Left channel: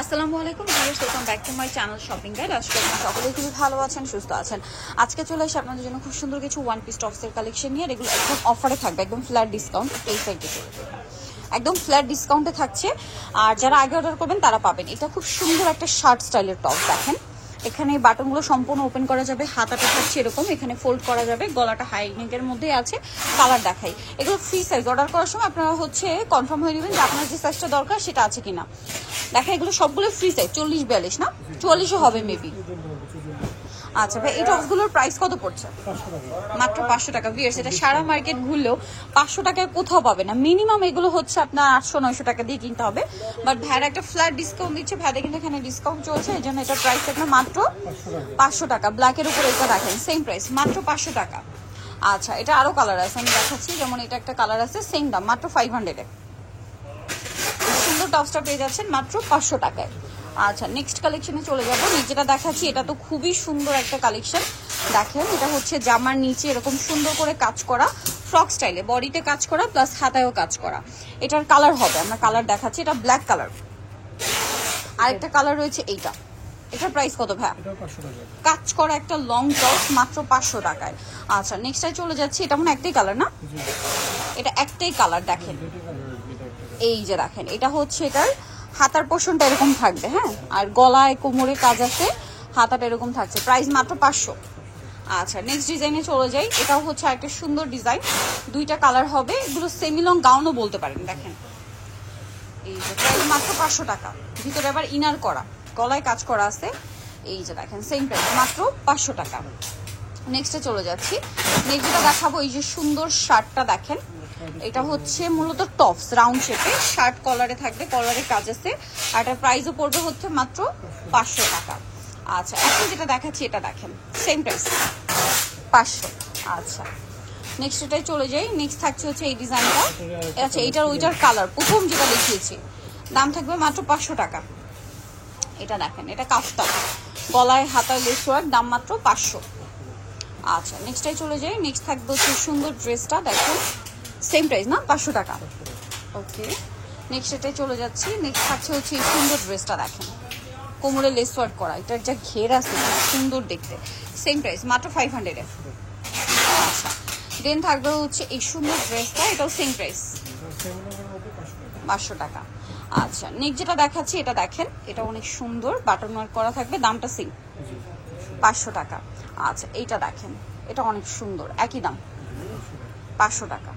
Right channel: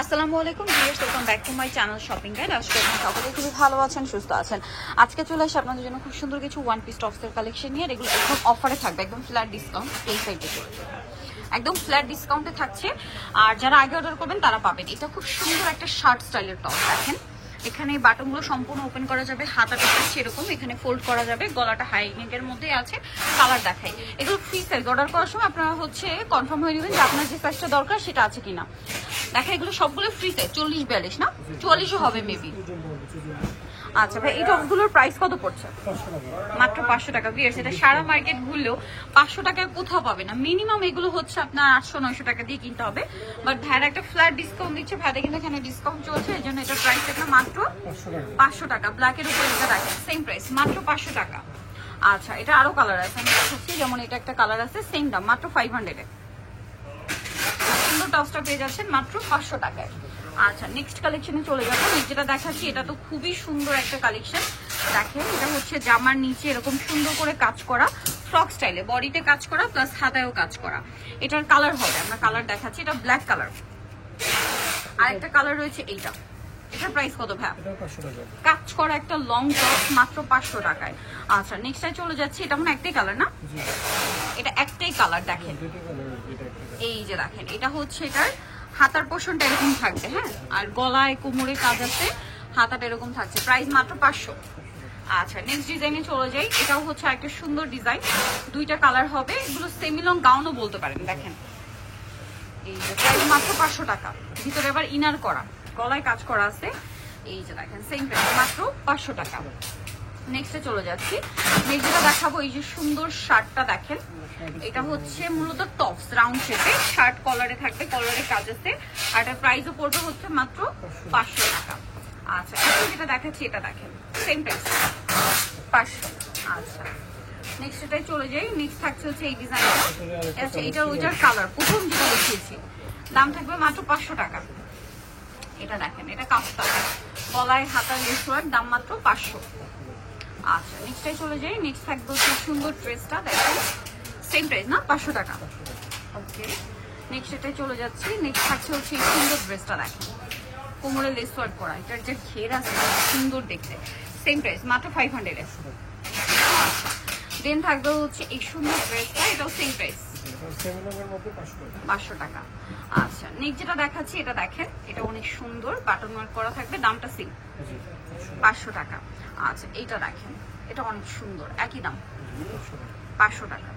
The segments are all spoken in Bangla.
আসসালামু আলাইকুম viewers, welcome back to my channel shopping guide. আজকে আপনারা সকলেই খুবই ভালো আছেন, সুস্থ আছেন। আজকে চলে আসি আপনাদের জন্য খুব সুন্দর কিছু ওয়ান পিস টপসের কালেকশন নিয়ে। এগুলো একদম অফারে থাকবে, একদম ফ্ল্যাট ডিসকাউন্ট। এই সাইডে চলে যাবে, একদম ফ্ল্যাট ডিসকাউন্টে থাকছে। আর যারা আগে অর্ডার করবেন তারা পাবেন। এটা খুব সুন্দর একটা শার্ট স্টাইলের টপ। দেখেন এখানে বাটনগুলো সম্পূর্ণ ওপেন করা যাবে, হাতাটা থাকছে এরকম, এখানে ফোল্ড করা যাবে, গলাটা হাই নেকের মধ্যে আছে। কালার দেখাই, এগুলো ফ্রি সাইজ। অর্ডার করার সময় আপনারা কনফার্ম হয়ে নেবেন যে আপনার যে সাইজটা দরকার সেটা আছে কিনা। দেখেন এগুলো সবগুলো ফ্রি সাইজ, 40-42 না 44ও হবে মেবি। আচ্ছা ভাই, এই টপসগুলোর প্রাইস কত পড়ছে? মাত্র 500 টাকা। ভিউয়ার্স, এটা সারা মার্কেট ঘুরলেও 500 টাকায় কোথাও পাবে না। মিনিমাম এগুলো হচ্ছে আপনার 800-900 টাকা দিয়ে কিনতে হবে। বাট ভাইরা একটা ফ্ল্যাট ডিসকাউন্ট দিচ্ছে, ভাইদের কিন্তু এখানে ডিসকাউন্ট চলছে, এই জন্য এটা প্রাইস আপনার মাত্র 500 টাকা। ব্ল্যাকের উপরে এটা দেখেন সেম প্রাইস, মাত্র 500 টাকা। আচ্ছা, এটা আরো কালার আছে, আমি দেখাচ্ছি। যেমন এটা একটা কালার আছে, সেম দাম, মাত্র 500-এ। সুন্দর টপসটা পেয়ে যাচ্ছেন মাত্র 500 টাকায়। আচ্ছা, নেক্সট কালেকশনে চলে যাবো। যেটা দেখাচ্ছি এটা তো খুবই সুন্দর একটা কালেকশন। দেখেন এটা হচ্ছে জামার নিচে এরকম সুন্দর করে কাজ করা, ফ্রক স্টাইলে, বডিতে কাজ করা প্লাস হাতায়ও কাজ করা। এটার কালার হবে, আমরা কালার দেখাচ্ছি। এটা ব্ল্যাক কালার। আরেকটা কালার রয়েছে এইটা। এটার প্রাইস কত ভাই? কাজ করা একটা লং টপ, মাত্র 500 টাকায়। আচ্ছা, নেক্সটটায় চলে যাচ্ছি। এটা মনে একটাই কালার না? এটা একটাই কালার। দেখেন এই যে দেখেন, এটা হচ্ছে এটার হাতার পোর্শনটা এরকম থাকবে, হ্যাঁ, আর গলায় কোমরে কাজ আছে, হাতাটা এরকম থাকছে। প্রাইস মাত্র 500। আচ্ছা, নেক্সট ডিজাইনে চলে যাই। এটাও হচ্ছে একটা সুন্দর ডিজাইন, দুইটা কালার হবে। এগুলো সেমি লং গাউনও বলতে পারেন। দেখেন এই যে প্রাইস মাত্র 500 টাকা। ভিতরে আবার ইনার করা, গলায় কাজ করা আছে। এই যে দেখেন সেম প্রাইস, মাত্র 500 টাকা। নেক্সটে চলে যাচ্ছি। নেক্সট যেটা দেখাবো, এই যে সুন্দর শার্টটা দেখেন। এটা হচ্ছে মূলত টপস, রাউন্ড শেপে, শার্ট কলারে থাকবে, কলারে কাজ আছে। আর এটার প্রাইসও পড়বে হচ্ছে মাত্র 500 টাকা। আচ্ছা, এখন যেটা দেখাচ্ছি এটা দেখেন সেম প্রাইস, 500। আচ্ছা, নেক্সট এটাই চলে যাই। নেক্সট থাকছে হচ্ছে এই ডিজাইনটা। আচ্ছা, এটার ওইটার কালার প্রথম যেটা দেখিয়েছি, দাম থাকবে মাত্র 500 টাকা। এটা দেখেন, এটা কাফতান, গলায় হাতায় লেস ওয়ার্ক, দাম মাত্র 500। আচ্ছা, নেক্সটটাই চলে যাই। নেক্সট থাকবে হচ্ছে সুন্দর ড্রেসটা, দেখেন সেম প্রাইস না, 500 টাকা। ওকে, নেক্সট এটাই চলে যাচ্ছি। নেক্সট থাকছে হচ্ছে এই সুন্দর ড্রেসটা, দেখেন কোমরে লেস ওয়ার্ক করা, এটার যে ঘের আছে সুন্দর দেখতে, সেম প্রাইস মাত্র 500-এ। আচ্ছা, দেন থাকবে হচ্ছে এই সুন্দর ড্রেসটা, এটাও সেম প্রাইস, 500 টাকা। আচ্ছা, নেক্সট যেটা দেখাচ্ছি এটা দেখেন, এটা অনেক সুন্দর, বাটন ওয়ার্ক করা থাকবে, দামটা সেম, 500 টাকা। আচ্ছা, এইটা দেখেন, এটা অনেক সুন্দর, একই দাম, 500 টাকা।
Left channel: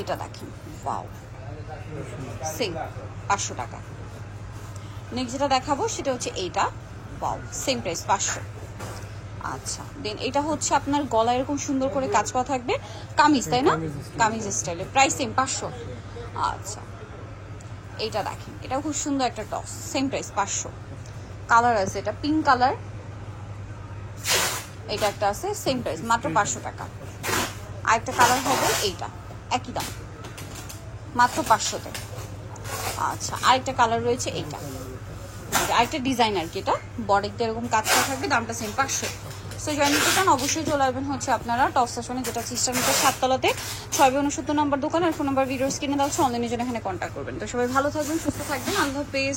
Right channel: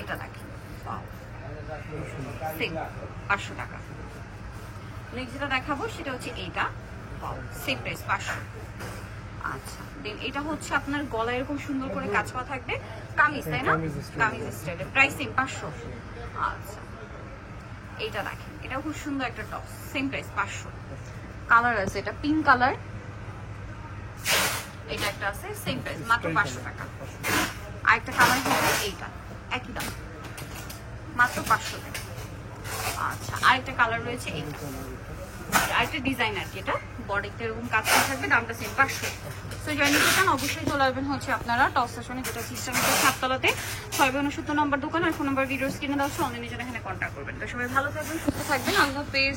এটা দেখেন, ওয়াও, সেম 500 টাকা। নেক্সট যেটা দেখাবো সেটা হচ্ছে এইটা, ওয়াও, সেম প্রাইস, 500। আচ্ছা, দেন এটা হচ্ছে আপনার গলায় এরকম সুন্দর করে কাজ করা থাকবে, কামিজ, তাই না? কামিজ স্টাইলে, প্রাইস সেম, 500। আচ্ছা, এইটা দেখেন, এটা খুব সুন্দর একটা টপ, সেম প্রাইস, 500। কালার আছে, এটা পিঙ্ক কালার, এটা একটা আছে, সেম প্রাইস, মাত্র 500 টাকা। আরেকটা কালার হবে এইটা, একই দাম, মাত্র 500-তে। আচ্ছা, আরেকটা কালার রয়েছে এইটা, আরেকটা ডিজাইন আর কি, এটা বডিতে এরকম কাজ করা থাকবে, দামটা সেম, 500। সো জয়েন করতে চান অবশ্যই চলে আসবেন হচ্ছে আপনারা টপ স্টেশনে, যেটা সিস্টেমের 7তলাতে, 669 নম্বর দোকান। আর ফোন নাম্বার ভিডিওস কিনে দেওয়া হচ্ছে, অনলাইনের জন্য এখানে কন্ট্যাক্ট করবেন। তো সবাই ভালো থাকবেন, সুস্থ থাকবেন, আল্লাহ হাফেজ।